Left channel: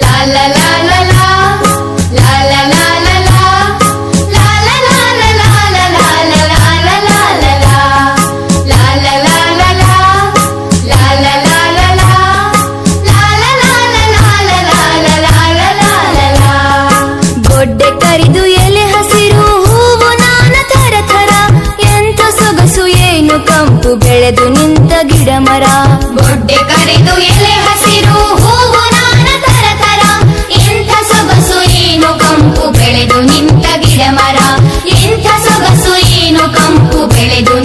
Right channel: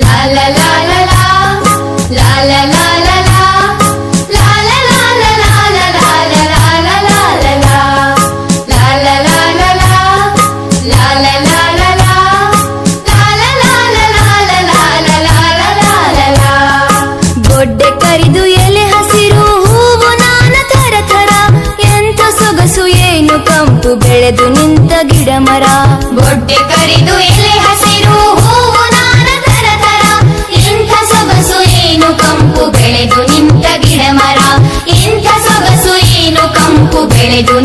La la la la la, la la la la la, la la la la la la la la la la la la la, la la la la la, la la la la la, la la la la la la la la la la. ಗೊಡ್ಡೆ ಕರಿದು ಎಲೆ ಹಸಿರು ಹೂವು ನಾನಾ ಥರ ಥರ, ಎಂಥ ಸೊಗಸು ಏನು ಕಂಪು ಬೆಳೆದು ನಿಂತ ಗಿಡ ಮರ. ಗೊಡ್ಡೆ ಕರಿದು ಎಲೆ ಹಸಿರು ಹೂವು ನಾನಾ ಥರ ಥರ, ಎಂಥ ಸೊಗಸು ಏನು ಕಂಪು ಬೆಳೆದು ನಿಂತ ಗಿಡ ಮರ. ಎಂಥ ಸೊಗಸು ಏನು ಕಂಪು ಬೆಳೆದು